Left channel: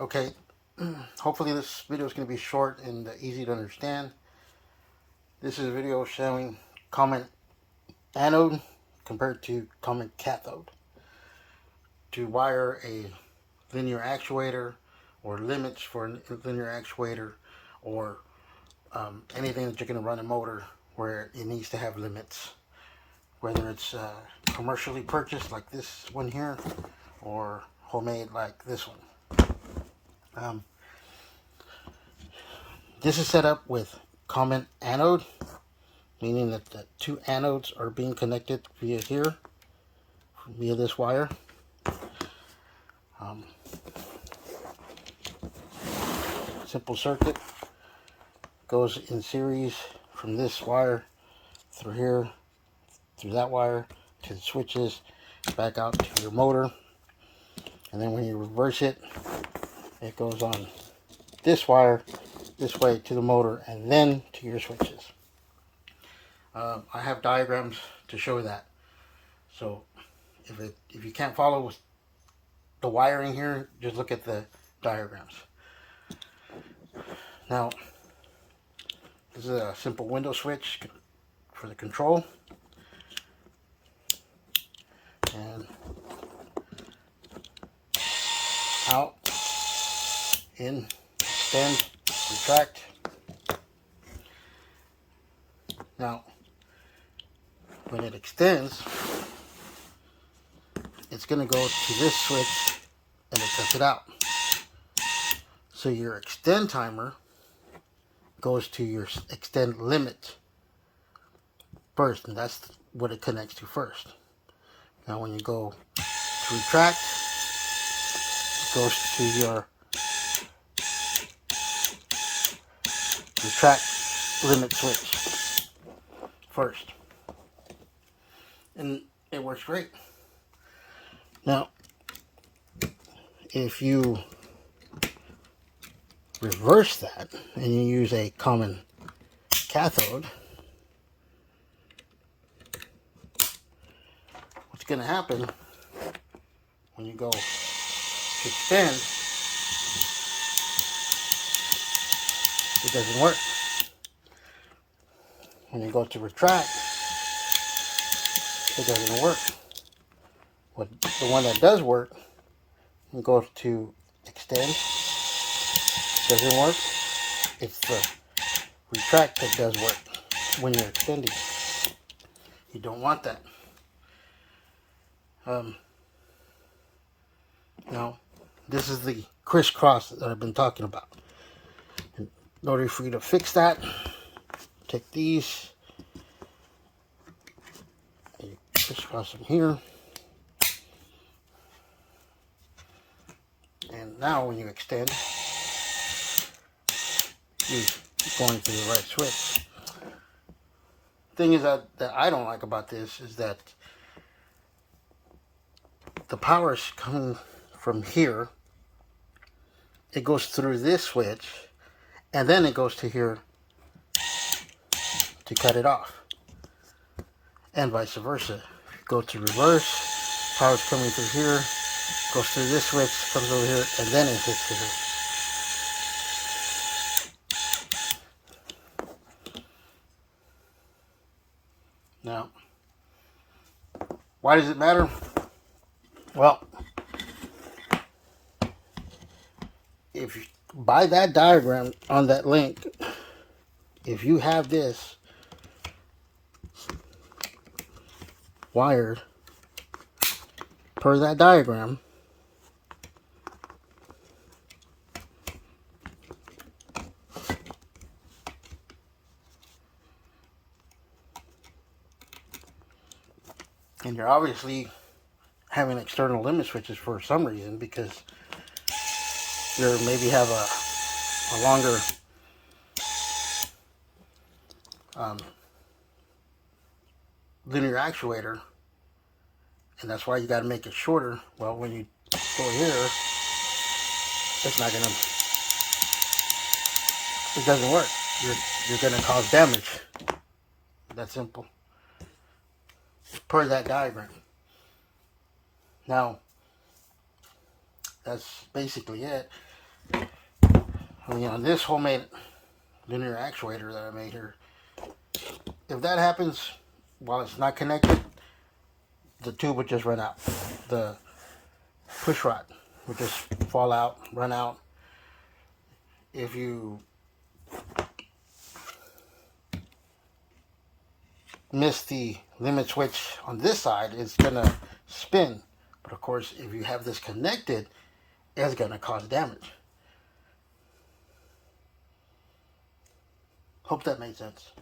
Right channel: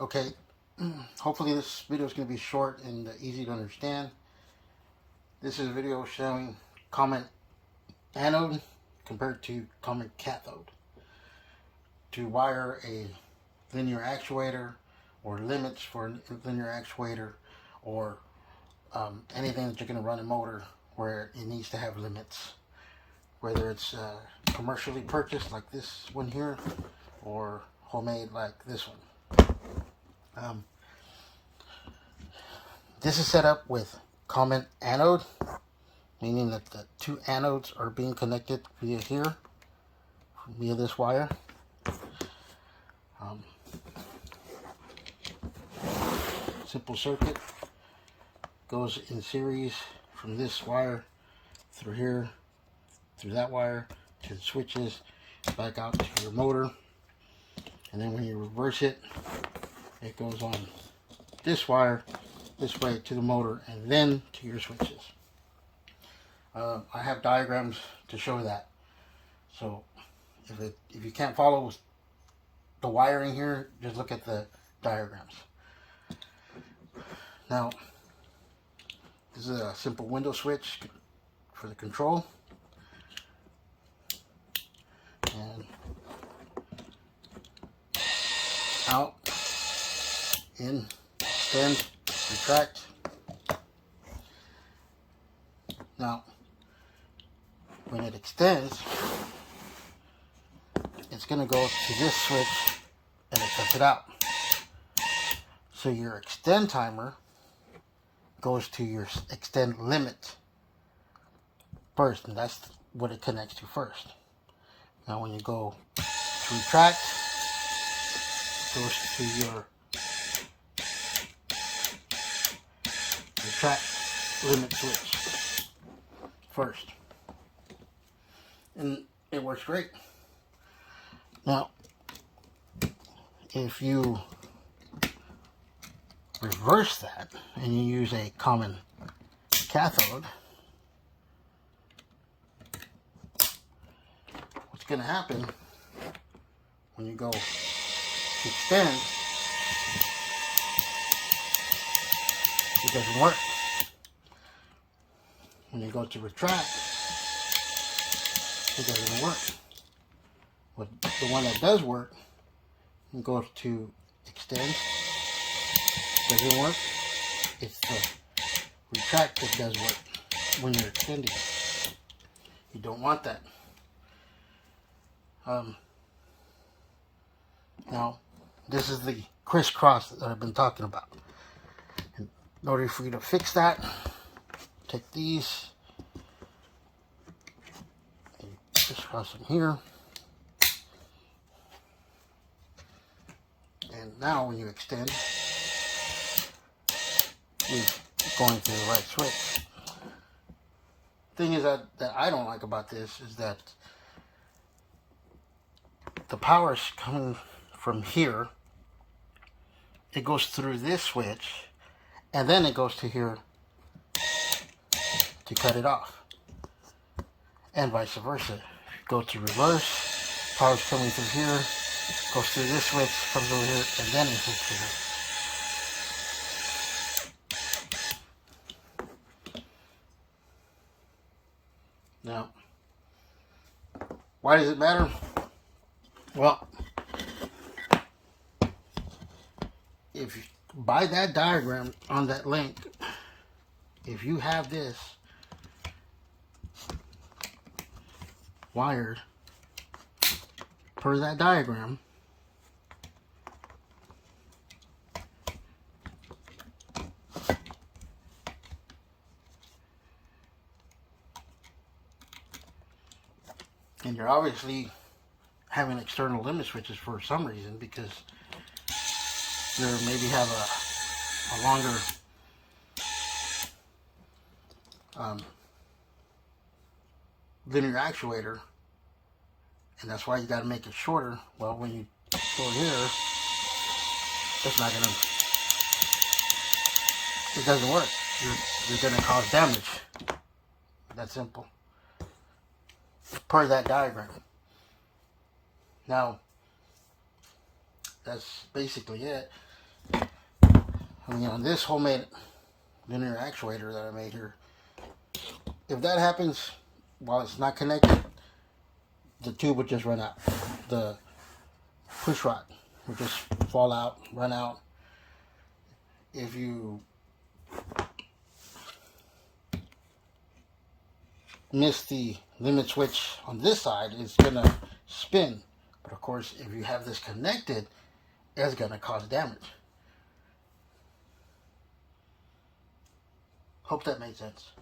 Okay, hopefully this video is going to be short and easy to understand. This is a video showing common anode compared to common cathode. To wire a linear actuator or limits for a linear actuator or anything that you're going to run a motor where it needs to have limits. Whether it's commercially purchased like this one here or homemade like this one. This is set up with common anode, meaning that the two anodes are being connected via here, via this wire. Simple circuit, goes in series from this wire through here, through that wire, to the switches, back out to your motor. And then when you reverse it, it goes on this wire, this way to the motor, and then to your switches. I have diagrams to show that. So if you can't follow the wiring here, just look at the diagrams. Now, this is a simple window switch for the control. And out, in, extend, retract. Now, when it extends, it's going to go to this switch and it cuts it out. So your extend timer goes to your extend limit first, and that's what it connects to first. Now when you go to retract, it goes to your retract limit switch first. And it works great. Now, if you reverse that and you use a common cathode, what's going to happen when you go to extend, it doesn't work. When you go to retract, it doesn't work. The one that does work, you go to extend, doesn't work. It's the retract that does work when you're extending. You don't want that. Now, this is the crisscross that I've been talking about. In order for you to fix that, take these, you crisscross them here, and now when you extend, you're going to the right switch. Thing is that I don't like about this is that the power is coming from here. It goes through this switch, and then it goes to here to cut it off, and vice versa. If you go to reverse, power's coming through here, goes through this switch, comes over here, and then it hits here. Now, why does it matter? Well, if you, by that diagram on that link, if you have this wired per that diagram, and you're obviously having external limit switches for some reason, because you maybe have a longer linear actuator, and that's why you got to make it shorter. Well, when you go here, it's not gonna, it doesn't work. You're gonna cause damage. That's simple. Per that diagram. Now, that's basically it. on this homemade linear actuator that I made here, if that happens while it's not connected, the tube would just run out. The push rod would just fall out, run out. If you miss the limit switch on this side, it's gonna spin. But of course, if you have this connected, it's gonna cause damage. Hope that made sense.